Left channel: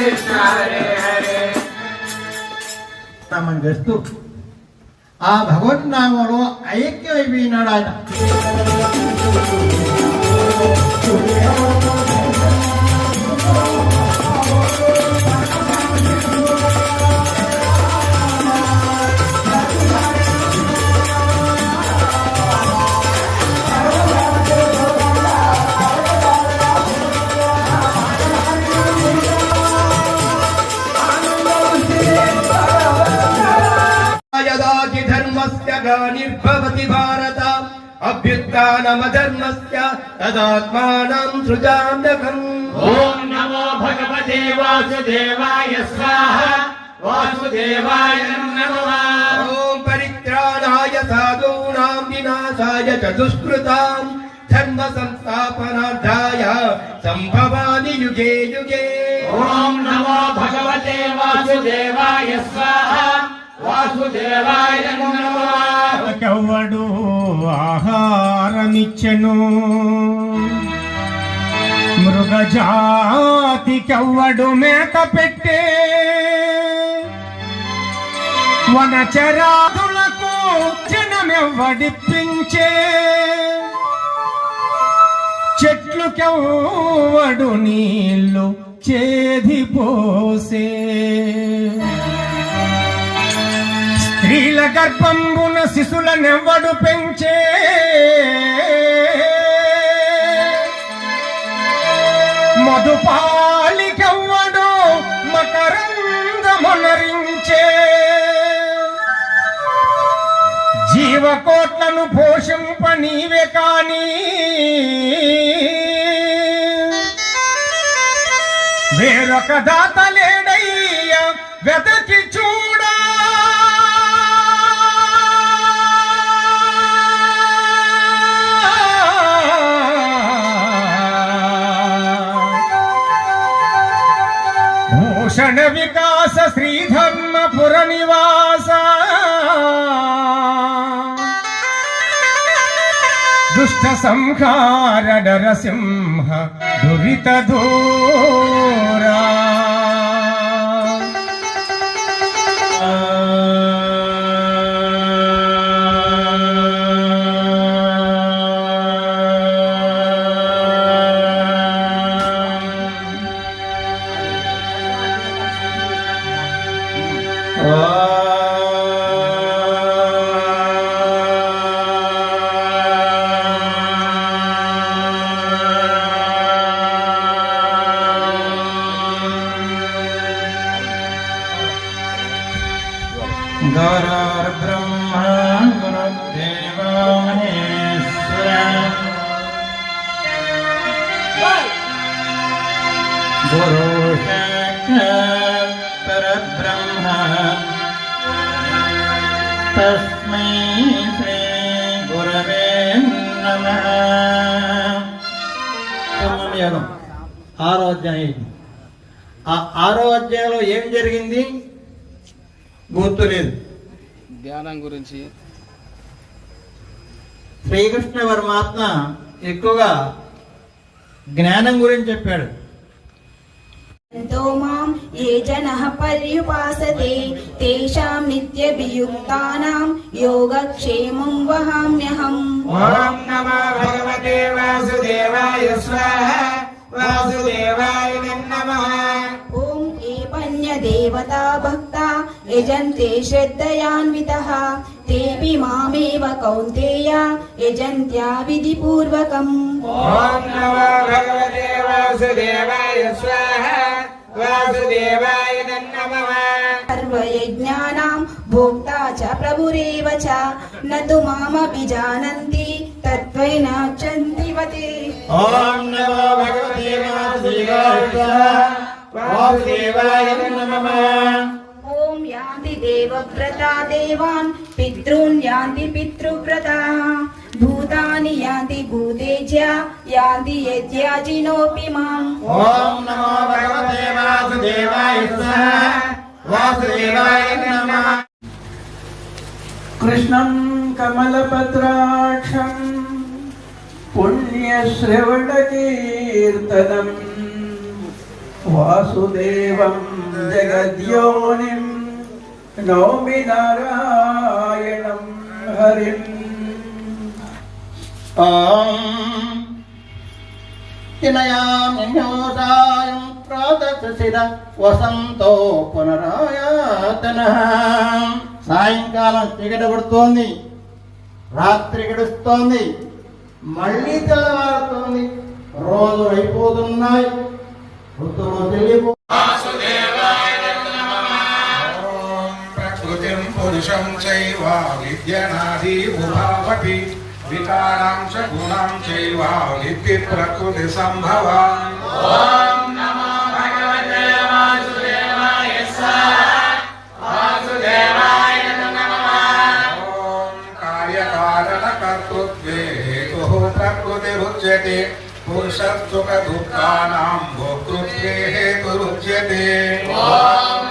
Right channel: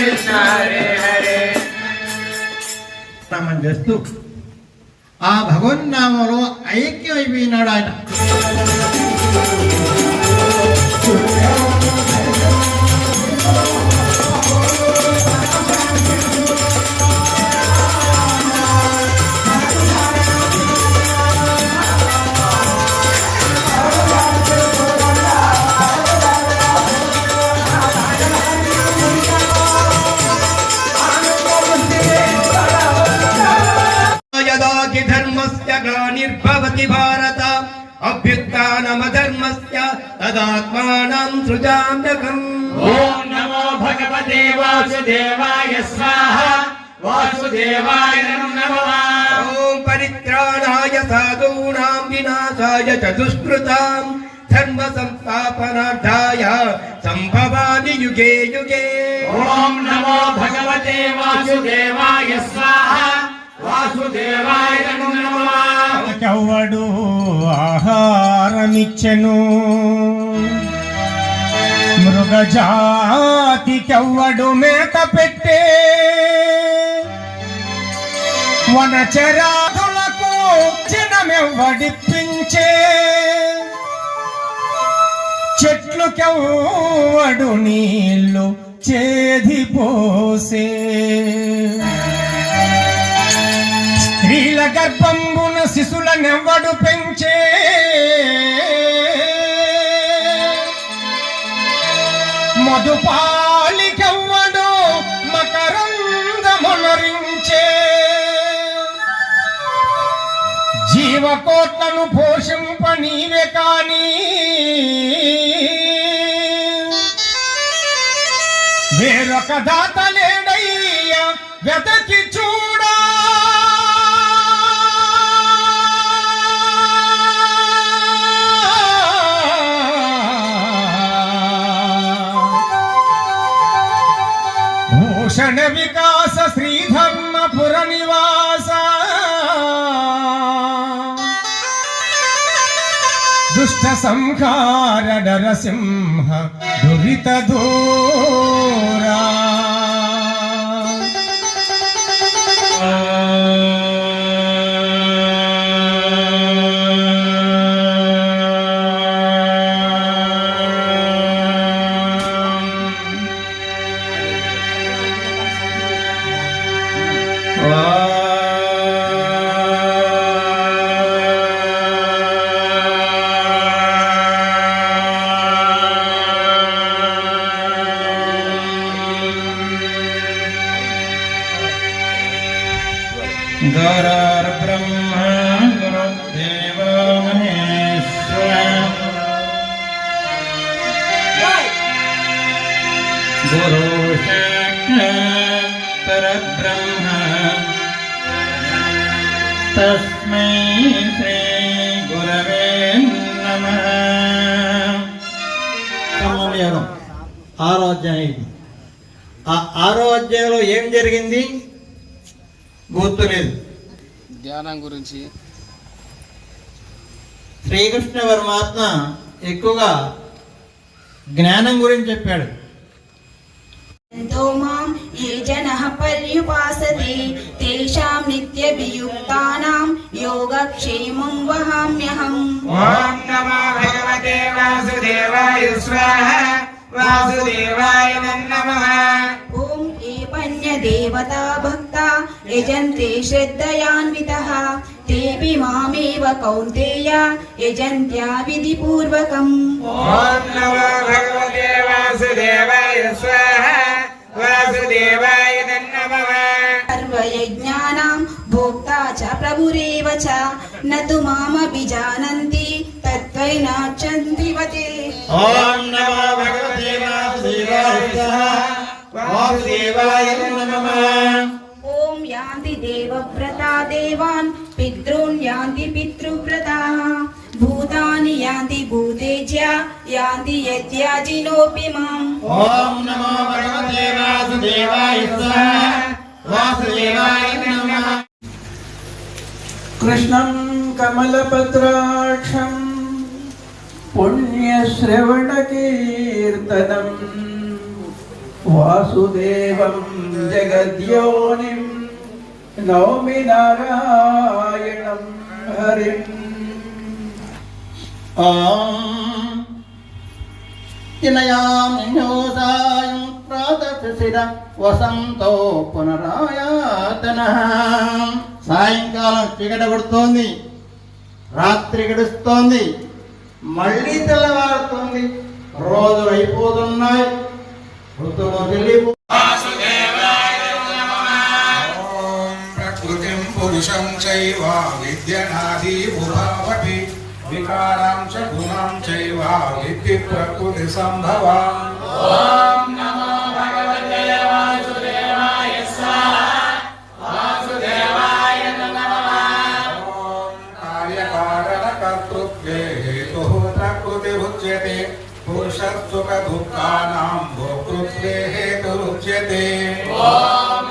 కృష్ణ హరే హరే నామం చేస్తూ ఆ భగవన్నామంలో ఐక్యమైపోయినాడు ఆయన. నిర్భవతి భారత అభ్యుత్థానమధర్మస్య తదాత్మానం సృజామ్యకం. ఓం నమో భగవతే వాసుదేవాయ స్వాహా వాసుదేవాయ నమః. ఓం పరిత్రాణాయ సాధూనాం వినాశాయ చ దుష్కృతాం ధర్మ సంస్థాపనార్థాయ సంభవామి యుగే యుగే. ఓం నమో భగవతే వాసుదేవాయ స్వాహా వాసుదేవాయ నమః. ఎవడు ఆహారమిచ్చెను మృగజాతికెవ్వడు మేత పెట్టే వనచరాదులకు జనమెవ్వడిప్పించే చెట్లుకెవ్వడు నీళ్లు చేదిపోసే స్త్రీల గర్భంబున శిశులనెవ్వడు పెంచే మధుపాలికెవ్వడు మకరందమునరించే జీవకోట్లను పోషింప నీవే కాని వేరొక దాత లేడయ్యా వెతకి చూడా. భూషణ వికాస శ్రీధర్మపుర నివాస దుష్ట సంహార నరసింహ దురిత దూరా. गुरुर्ब्रह्मा गुरुर्देवो महेश्वरः गुरु साक्षात् परब्रह्म तस्मै श्री गुरवे नमः. ఆరోగ్యం ఆ ఆరోగ్యంలో ఏం జరిగింది గుర్తులేదు. ధ్యానం గురించి శ్రీకృష్ణ పరమాత్మ ఎక్కువగా జ్ఞానం గురించి చెప్పాడు. మాం ఏ జనః పర్యుపాసతే తేషాం నిత్యభియుక్తానాం యోగక్షేమం వహామ్యహం. ఓం నమో భగవతే వాసుదేవాయ స్వాహా వాసుదేవాయ నమః. ఓం ఏ పన్యదేవతా భక్తా యజంతే శ్రద్ధయాన్వితః తేపి మామేవ కౌంతేయ యజంత్యా విధిపూర్వకం. ఓం నమో భగవతే వాసుదేవాయ స్వాహా వాసుదేవాయ నమః. సర్వయజ్ఞానాం భోక్తా చ ప్రభురేవ చ నతు మామభిజానంతి తత్వైనార్చంతి వతే. ఓం నమో భగవతే వాసుదేవాయ నమః. ఓం యాంతి దేవవ్రతా దేవాన్ పితॄన్ యాంతి పితృవ్రతాః భూతాని యాంతి భూతేజ్య యాంతి యజ్ఞాజినోపి మాం. ఓం నమో భగవతే వాసుదేవాయ వాసుదేవాయ నమః. కృష్ణం కమలపత్రాక్షం పుణ్యశ్రవణకీర్తనం వాసుదేవం జగద్యోనిం నౌమి నారాయణం హరిం. తినయామ్యోసాయం ప్రాతశిర వసంతో పునరాయాతన. సాయంకాలం చీకటి పడుతోంది, రాత్రి గడుస్తోంది, మళ్ళీ తెల్లవారుతోంది, రోజులు అయిపోతున్నాయి, ఋతువులు చెల్లిపో. ప్రకృతిం పురుషం చైవ విద్యనాది ఉభావపి వికారాం చ గుణాం చైవ విద్ధి ప్రకృతి సంభవం. ఓం నమో భగవతే వాసుదేవాయ వాసుదేవాయ నమః. ఓం కార్యకారణ కర్తృత్వే హేతుః ప్రకృతిరుచ్యతే పురుషస్సుఖ దుఃఖానాం భోక్తృత్వే హేతురుచ్యతే. ఓం